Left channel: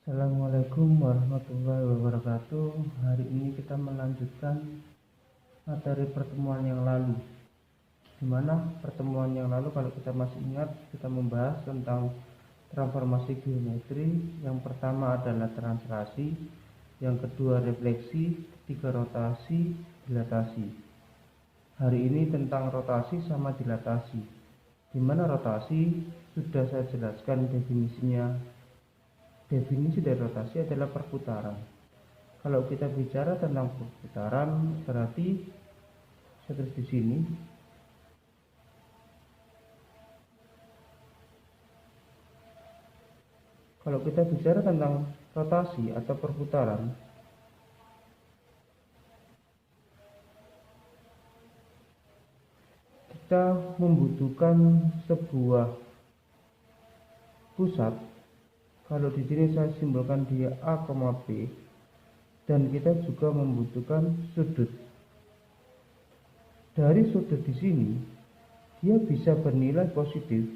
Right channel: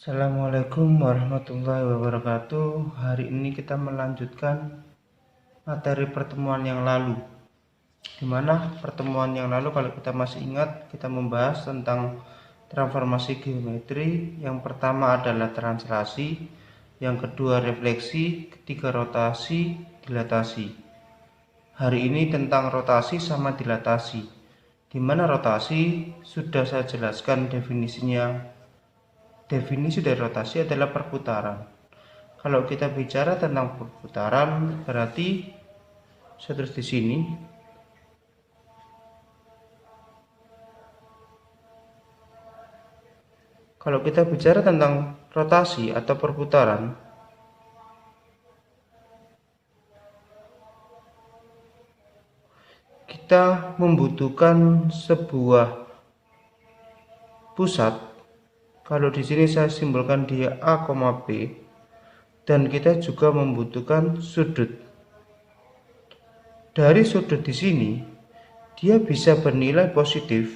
Assalamualaikum warahmatullahi wabarakatuh. Hari ini kita melanjutkan materi pertemuan yang lalu. Di mana pertemuan yang lalu, kalau kita masih ingat, kita membahas tentang transformasi geometri. Yang pertama adalah translasi, yang kedua refleksi, ketiga rotasi, dilatasi. Hari ini tentang rotasi sama dilatasi. Di mana rotasi sudah saya jelaskan definisinya. Definisi dari rotasi adalah perputaran. Kalau kita bicara tentang perputaran, berarti saya tulis di sini. Kalau kita bicara tentang rotasi atau perputaran, kita membutuhkan sebuah pusat. Kalau di sini saya simbolkan dia A, B, dan kita juga membutuhkan sudut. Dari sudut di sini, dia bisa bernilai positif.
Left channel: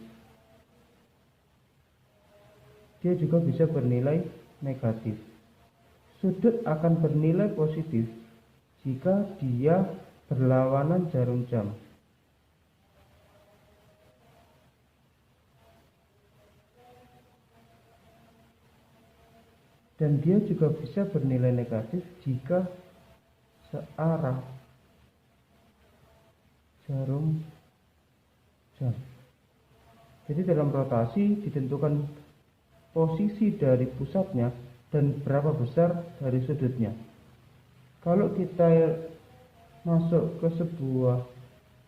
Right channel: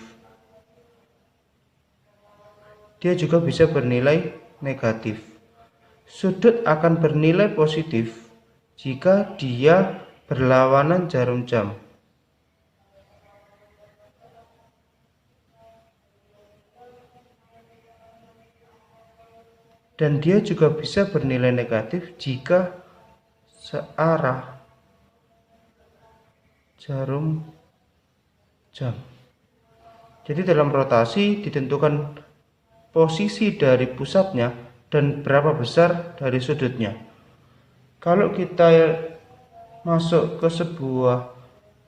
Dia juga bisa bernilai negatif. Sudut akan bernilai positif jika dia berlawanan jarum jam. Dan dia juga bisa bernilai negatif jika searah jarum jam. Jadi dalam rotasi ditentukan posisi dari pusatnya dan berapa besar dari sudutnya. Kalau kita masuk ke sebuah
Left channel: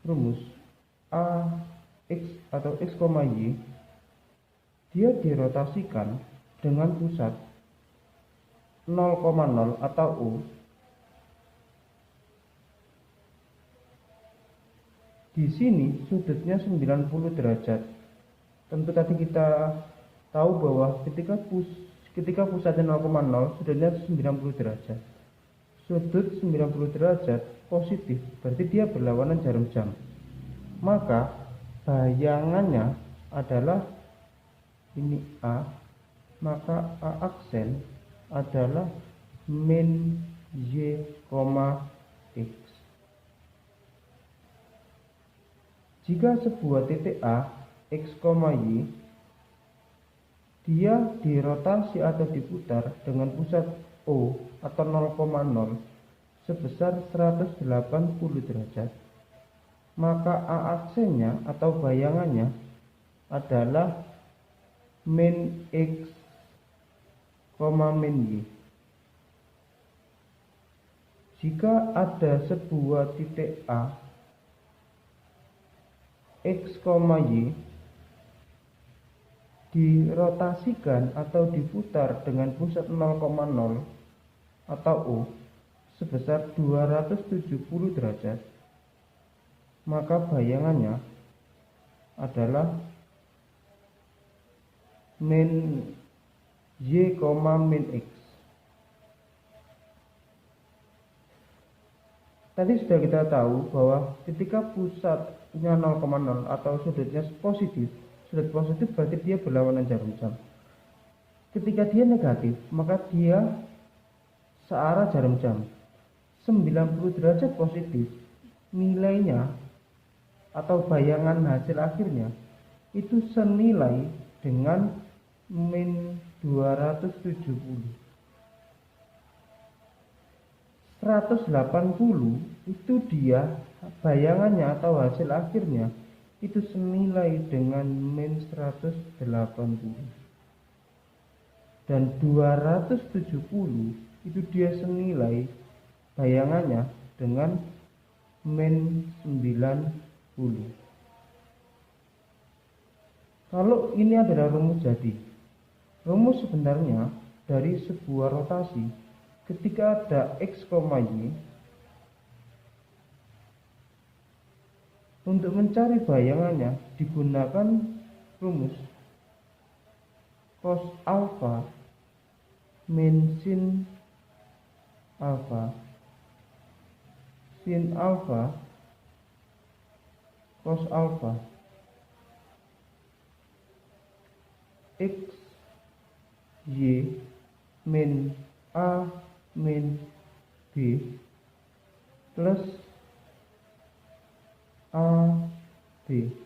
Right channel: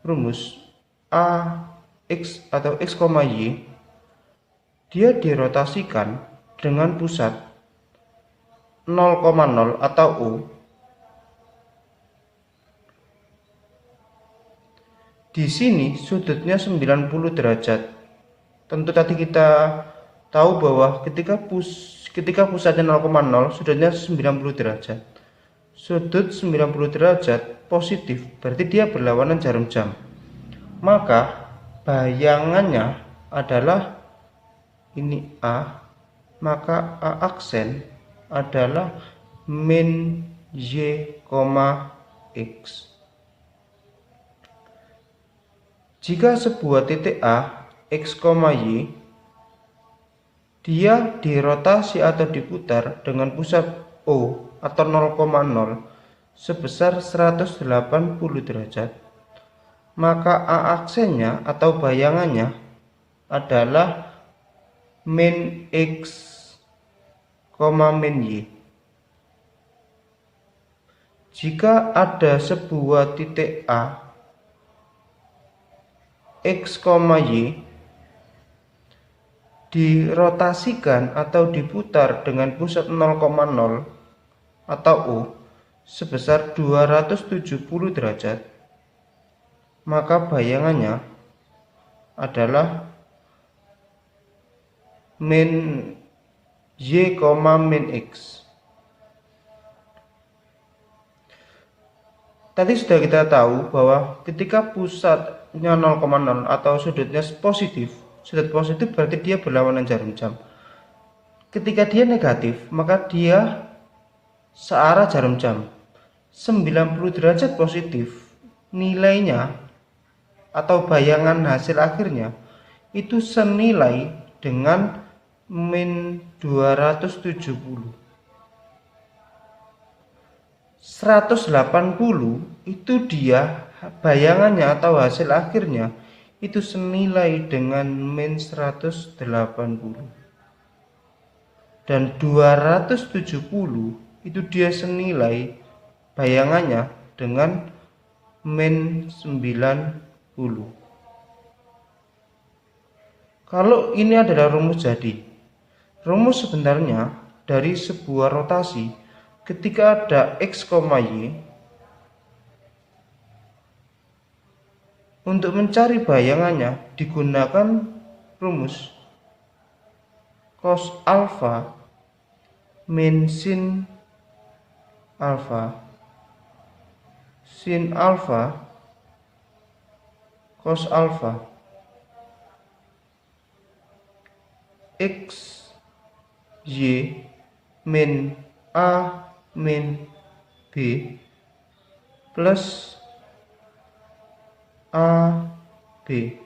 rumus A, X atau X, Y, dia dirotasikan dengan pusat 0,0 atau U. Di sini sudutnya 90 derajat. Tentu tadi kita tahu bahwa ketika pusatnya 0,0, sudutnya 90 derajat. Sudut 90 derajat positif, berarti dia berlawanan jarum jam. Maka bayangannya adalah ini A, maka A aksen adalah min Y, X. Jika sebuah titik A, X, Y, dia dirotasi atau diputar dengan pusat O atau 0,0 sebesar 180 derajat, maka A aksennya atau bayangannya adalah min X, min Y. Jika ada sebuah titik A, X, Y dirotasikan atau diputar dengan pusat 0,0 atau O sebesar 270 derajat, maka bayangannya adalah min Y, min X. Tadi sudah kita tahu bahwa ketika pusatnya 0,0 atau sudutnya positif, sudut positif berarti dia berlawanan jarum jam. Ketika dia negatif, maka dia searah jarum jam. 90 derajat positif, nilainya atau bayangan hasil akhirnya itu senilai dengan min 270. 180 itu dia bayangannya atau hasil akhirnya itu senilai dengan min 180. Dan 270 itu dia senilai bayangannya dengan min 90. Kalau ini adalah rumus jadi, rumus sebenarnya dari sebuah rotasi ketika ada X, Y, untuk mencari bayangannya digunakan rumus cos alfa min sin alfa, sin alfa cos alfa. X, Y min A min B plus A B.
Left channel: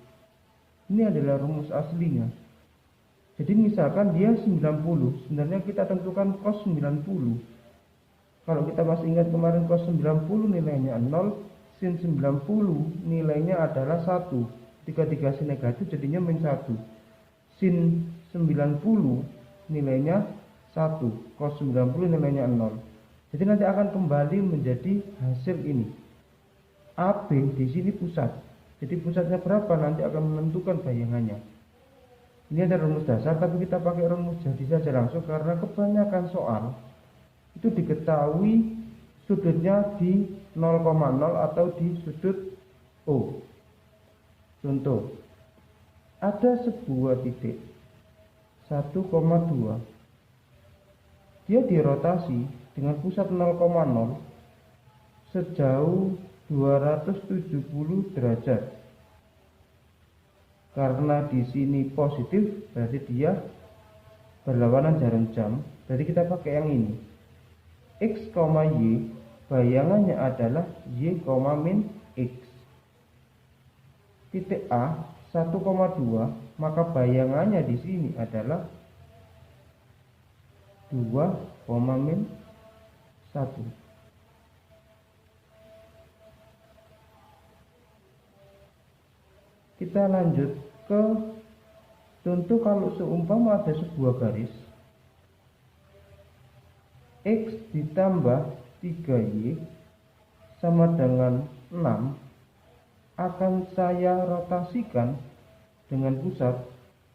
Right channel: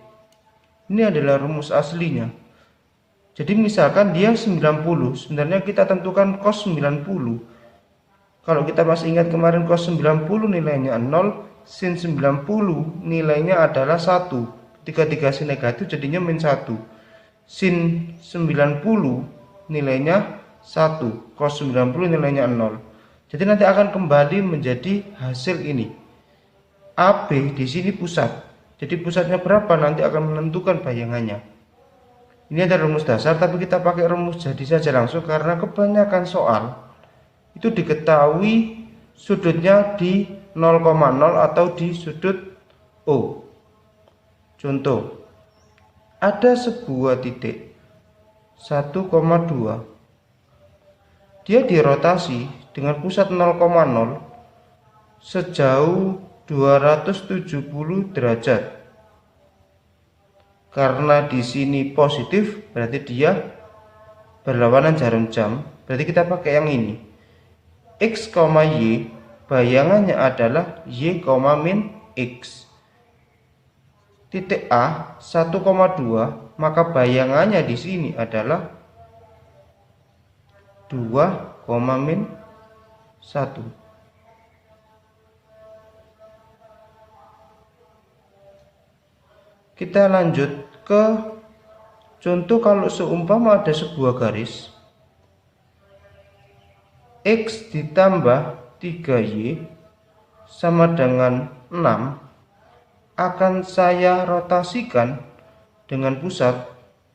Ini adalah rumus aslinya. Jadi misalkan dia 90, sebenarnya kita tentukan cos 90. Kalau kita masih ingat kemarin cos 90 nilainya 0, sin 90 nilainya adalah 1. Ketika dikasih negatif jadinya min 1. Sin 90 nilainya 1, cos 90 nilainya 0. Jadi nanti akan kembali menjadi hasil ini. AB di sini pusat. Jadi pusatnya berapa nanti akan menentukan bayangannya. Ini ada rumus dasar, tapi kita pakai rumus jadi saja langsung karena kebanyakan soal itu diketahui sudutnya di 0,0 atau di sudut O. Contoh, ada sebuah titik 1,2. Dia dirotasi dengan pusat 0,0 sejauh 270 derajat. Karena di sini positif, berarti dia berlawanan jarum jam. Berarti kita pakai yang ini. X, Y, bayangannya adalah Y, min X. Titik A 1,2, maka bayangannya di sini adalah 2, min 1. Kita lanjut ke contoh kalau seumpama ada sebuah garis X ditambah 3Y sama dengan 6 akan saya rotasikan dengan pusat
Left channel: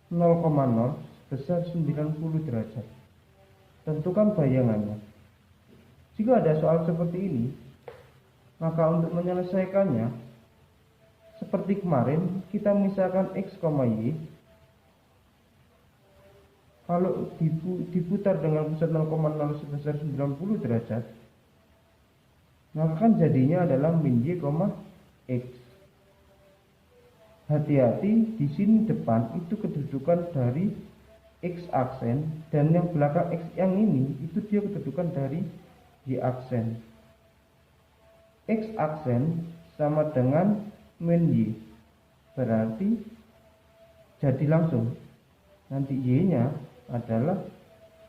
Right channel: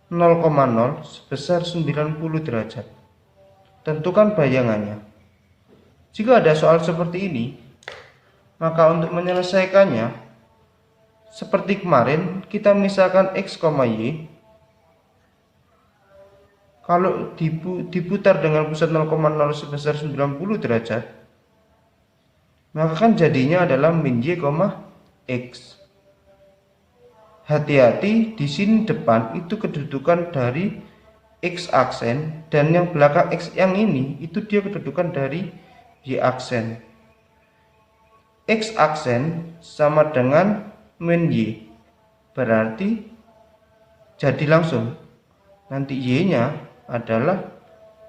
0,0 sebesar 90 derajat. Tentukan bayangannya. Jika ada soal seperti ini, maka untuk menyelesaikannya seperti kemarin, kita misalkan X, Y. Kalau diputar dengan pusat 0,0 sebesar 90 derajat, maka kan jadinya adalah min Y, X. Hati-hati, di sini depan itu kedudukan dari X aksen, dan yang belakang X yang ini itu dia kedudukan dari Y aksen. X aksen sama dengan min Y, berarti jadi langsung nanti Y nya adalah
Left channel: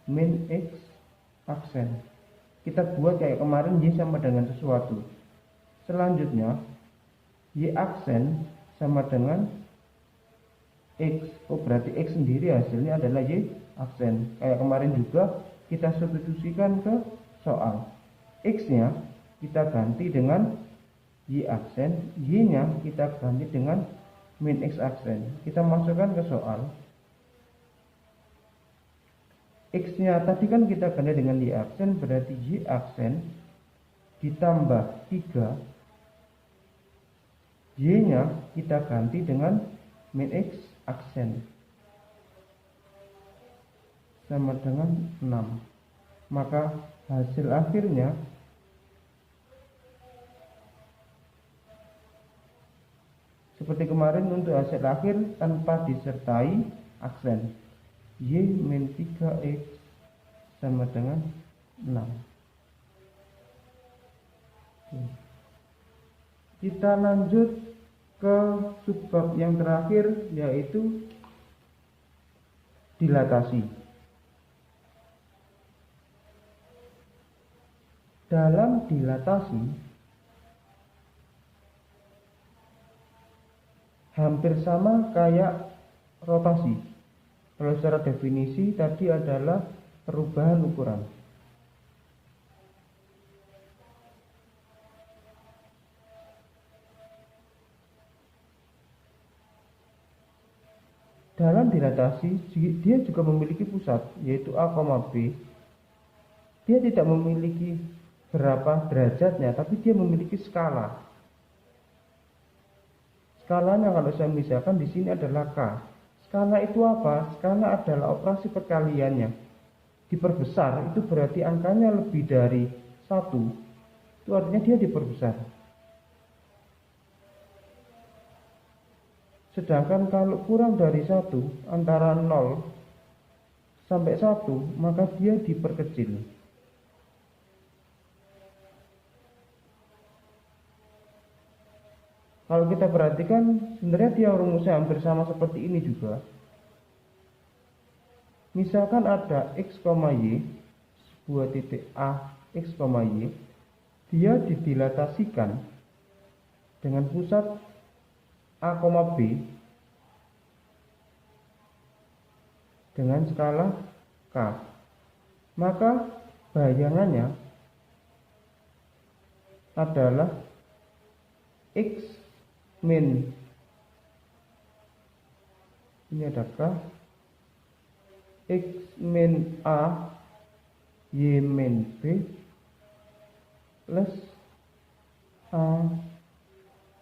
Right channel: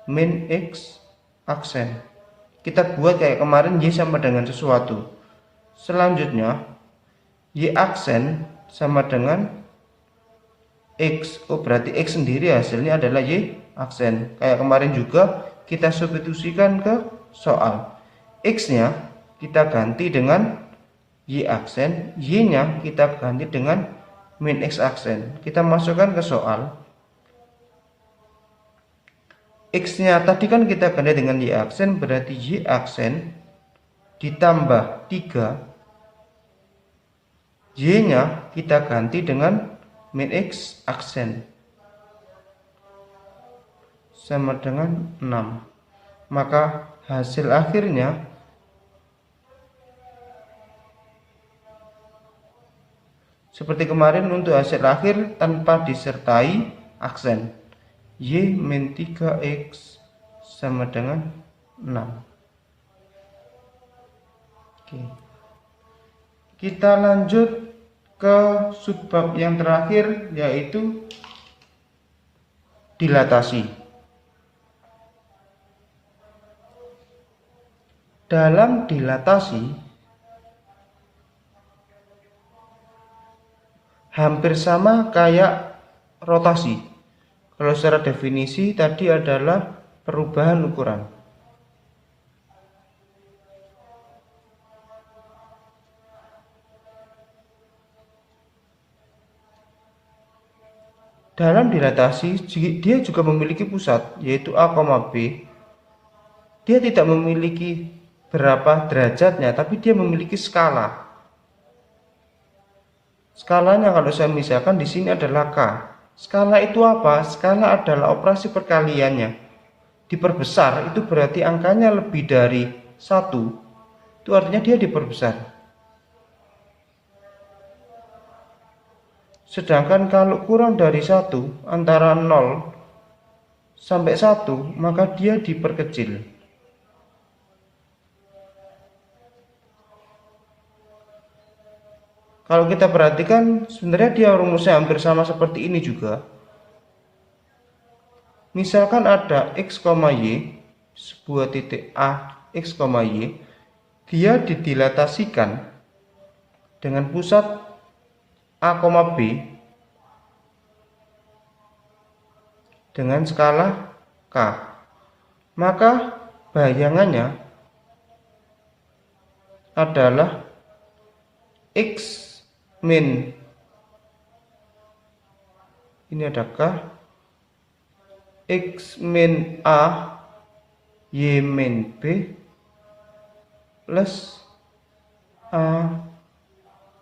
min X aksen. Kita buat kayak kemarin Y sama dengan sesuatu. Selanjutnya Y aksen sama dengan X. Oh, berarti X sendiri hasilnya adalah Y aksen. Kayak kemarin juga kita substitusikan ke soal. X nya kita ganti dengan Y aksen, Y nya kita ganti dengan min X aksen. Kita masukkan ke soal. X nya tadi kan kita ganti dengan Y aksen, berarti Y aksen ditambah 3, Y nya kita ganti dengan min X aksen sama dengan 6. Maka hasil akhirnya seperti kemarin untuk hasil akhir tanpa disertai aksen. Y min 3X sama dengan 6. Oke. Kita lanjut ke subbab yang terakhir, yaitu dilatasi. Dalam dilatasi hampir sama kayak rotasi. Kalau secara definisi tadi adalah perubahan ukuran. Dalam dilatasi dia juga memiliki pusat, yaitu A, B. Dia tidak memiliki berapa derajatnya, tapi dia memiliki skala. Skalanya kalau saya misalkan di sini adalah K. Skala itu apa? Skala adalah operasi perkaliannya. Diperbesar itu berarti angkanya lebih dari 1. Itu artinya dia diperbesar. Sedangkan kalau kurang dari 1, antara 0 sampai 1, maka dia diperkecil. Kalau kita perhatikan, sebenarnya dia rumusnya hampir sama seperti ini juga. Misalkan ada x, y, sebuah titik A, x, y, dia didilatasikan dengan pusat A, B dengan skala K. Maka bayangannya adalah x min, ini ada K, x min A, y min B plus A,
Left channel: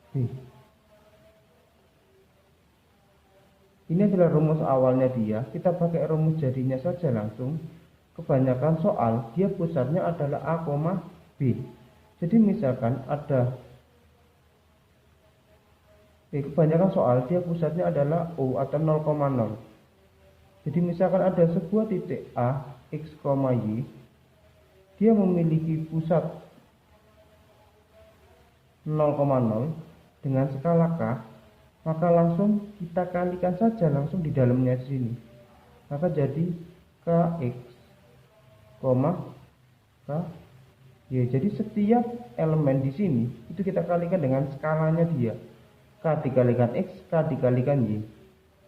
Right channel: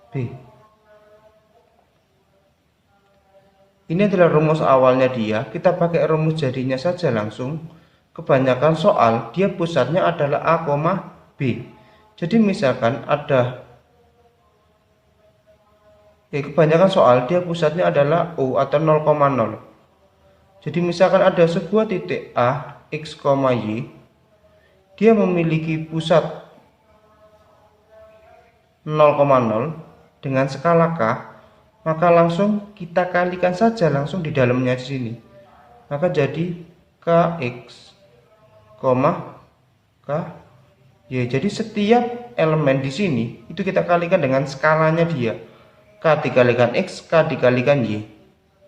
B. Ini adalah rumus awalnya dia. Kita pakai rumus jadinya saja langsung. Kebanyakan soal dia pusatnya adalah A, B. Jadi misalkan ada kebanyakan soal dia pusatnya adalah O atau 0,0. Jadi misalkan ada sebuah titik A, x, y, dia memiliki pusat 0,0 dengan skala K, maka langsung kita kalikan saja langsung di dalamnya di sini. Maka jadi Kx, K, Y. Jadi setiap elemen di sini itu kita kalikan dengan skalanya dia. K dikalikan X, K dikalikan Y.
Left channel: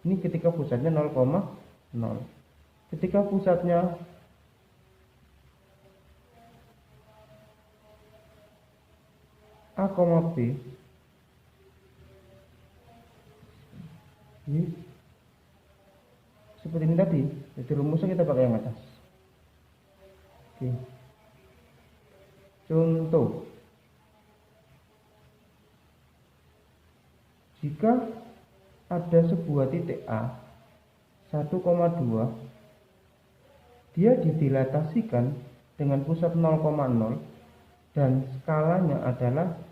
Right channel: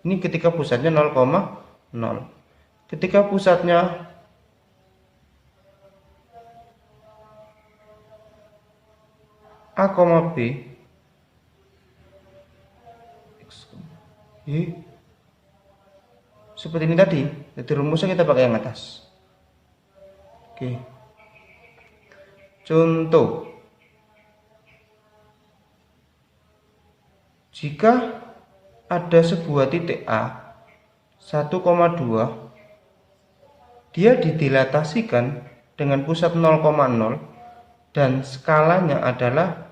Ini ketika pusatnya 0,0. Ketika pusatnya A, B, seperti ini tadi. Jadi rumusnya kita pakai yang atas. Oke. Contoh, jika ada sebuah titik A 1,2, dia didilatasikan dengan pusat 0,0 dan skalanya adalah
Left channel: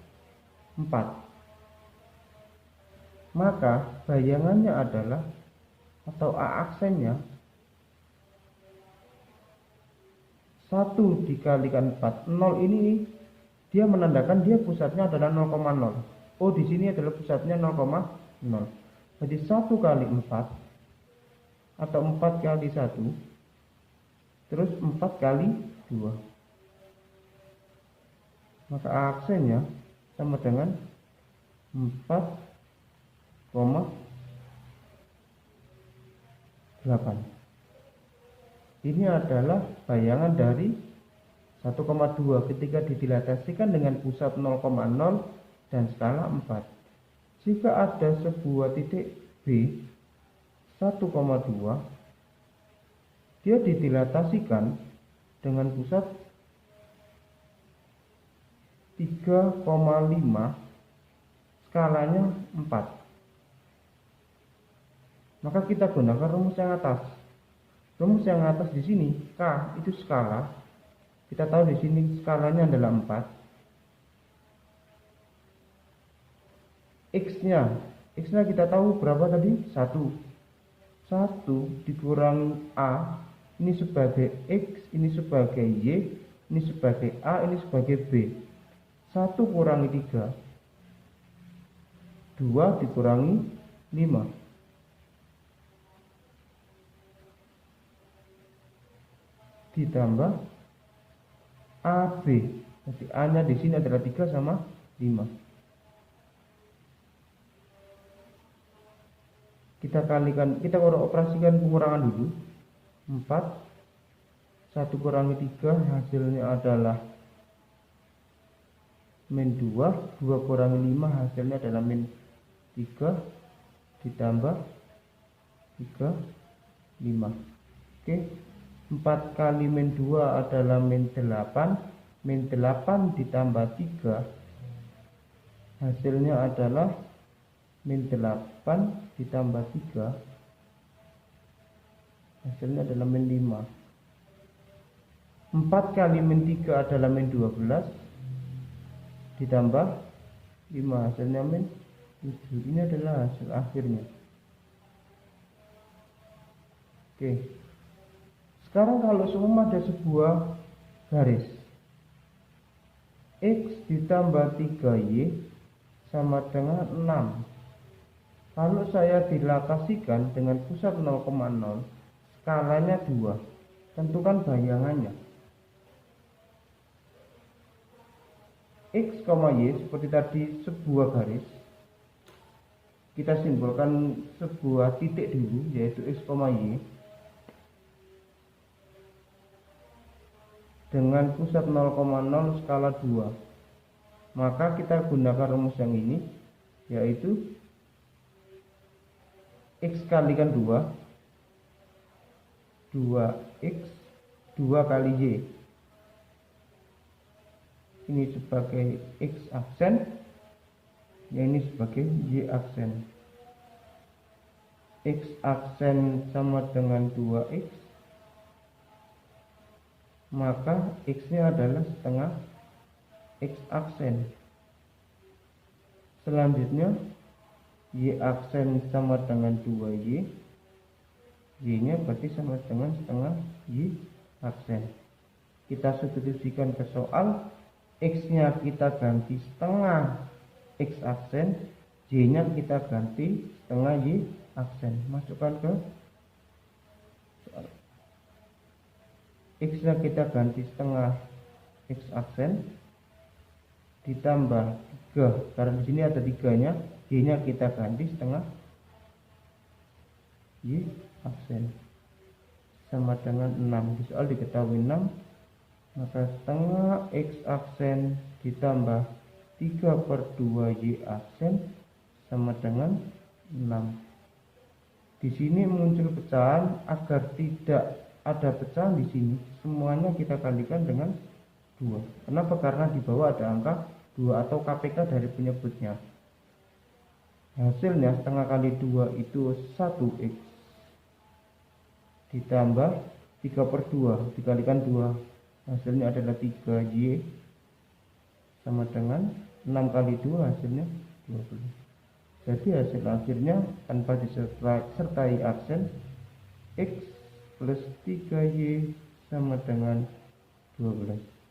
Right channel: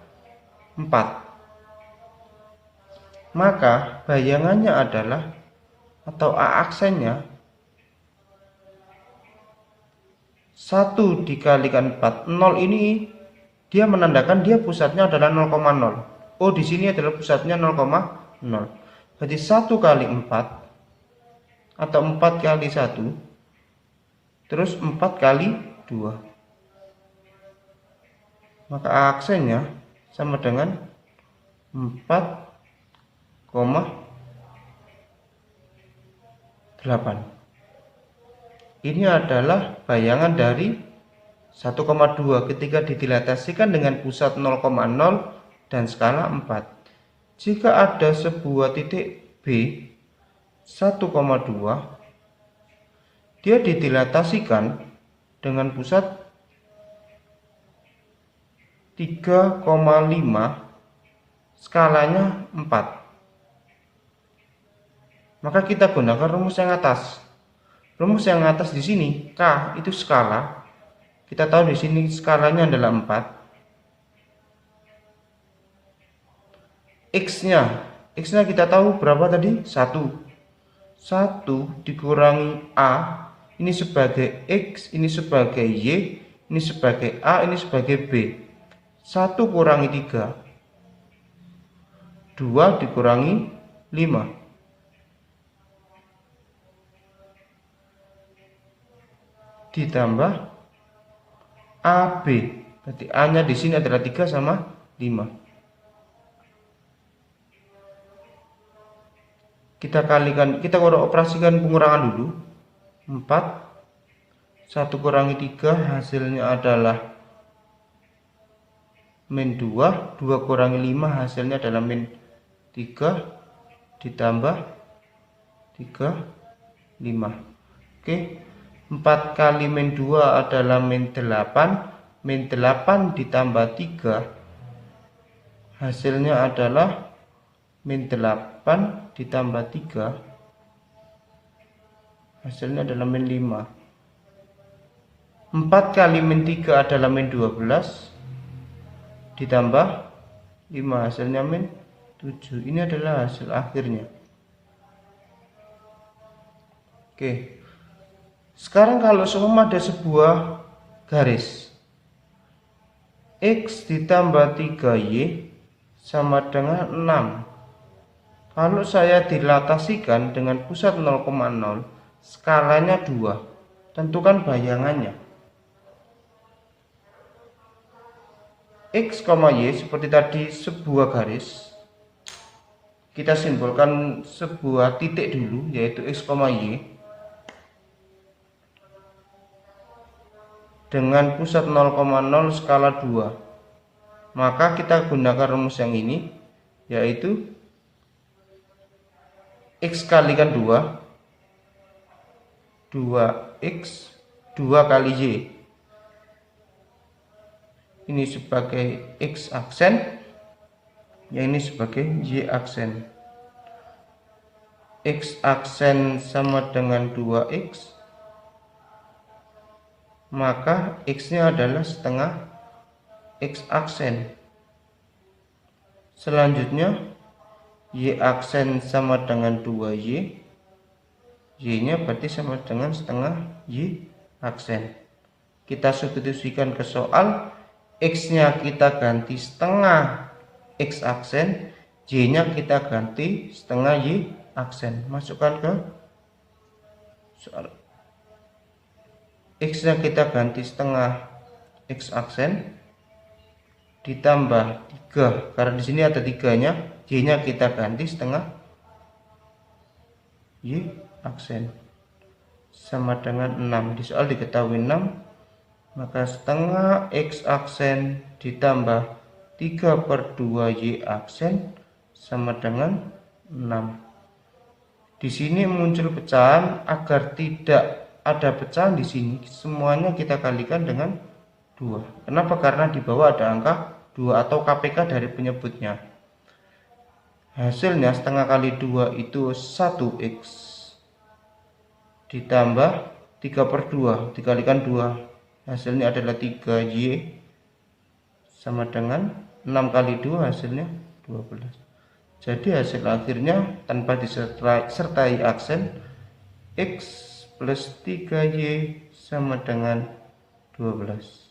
4. Maka bayangannya adalah, atau A aksennya, 1 dikalikan 4. 0 ini dia menandakan dia pusatnya adalah 0,0. Oh, di sini adalah pusatnya 0,0. Berarti 1 kali 4 atau 4 kali 1 terus 4 kali 2. Maka A aksennya sama dengan 4,8. Ini adalah bayangan dari 1,2 ketika didilatasikan dengan pusat 0,0 dan skala 4. Jika ada sebuah titik B 1,2, dia didilatasikan dengan pusat 3,5, skalanya 4. Maka kita gunakan rumus yang atas. Rumus yang atas di sini K itu skala. Kita tahu di sini skalanya adalah 4. X-nya kita tahu berapa tadi? 1. 1 dikurangi A, ini sebagai X, ini sebagai Y, ini sebagai A, ini sebagai B. 1 kurangi 3, 2 dikurangi 5. Ditambah AB. Berarti A-nya di sini adalah 3 sama 5. Kita kalikan, kita operasikan pengurangan dulu. 4 1 kurangi 3 hasilnya adalah min 2, 2 kurangi 5 hasilnya adalah min 3, ditambah 3, 5. Oke, 4 kali min 2 adalah min 8, min 8 ditambah 3 hasilnya adalah min 8 ditambah 3 hasilnya adalah min 5. 4 kali min 3 adalah min 12 ditambah 5 hasilnya min 7. Ini adalah hasil akhirnya. Oke, Sekarang kalau seumpama ada sebuah garis X ditambah 3Y sama dengan 6. Kalau saya dilatasikan dengan pusat 0,0, skalanya 2. Tentukan bayangannya. X, Y seperti tadi sebuah garis. Kita simbolkan sebuah titik dulu, yaitu X, Y. Dengan pusat 0,0 skala 2. Maka kita gunakan rumus yang ini, yaitu X kalikan 2, 2X 2 kali Y. Ini sebagai X aksen, yang ini sebagai Y aksen. X aksen sama dengan 2X, maka X nya adalah setengah X aksen. Selanjutnya Y aksen sama dengan 2Y, Y nya berarti sama dengan setengah Y aksen. Kita substitusikan ke soal, X nya kita ganti setengah X aksen, Y nya kita ganti setengah Y aksen. Masukkan ke soal. X nya kita ganti setengah X aksen ditambah 3, karena di sini ada 3-nya, Y nya kita ganti setengah Y aksen sama dengan 6. Di soal diketahui 6, maka setengah X aksen ditambah 3/2 Y aksen sama dengan 6. Di sini muncul pecahan. Agar tidak ada pecahan di sini, semuanya kita kalikan dengan 2. Kenapa? Karena di bawah ada angka 2 atau KPK dari penyebutnya. Hasilnya setengah kali 2 itu 1X ditambah 3/2 dikalikan 2, hasilnya adalah 3Y sama dengan 6 kali 2 hasilnya 12. Jadi hasil akhirnya tanpa disertai aksen, X plus 3Y sama dengan 12.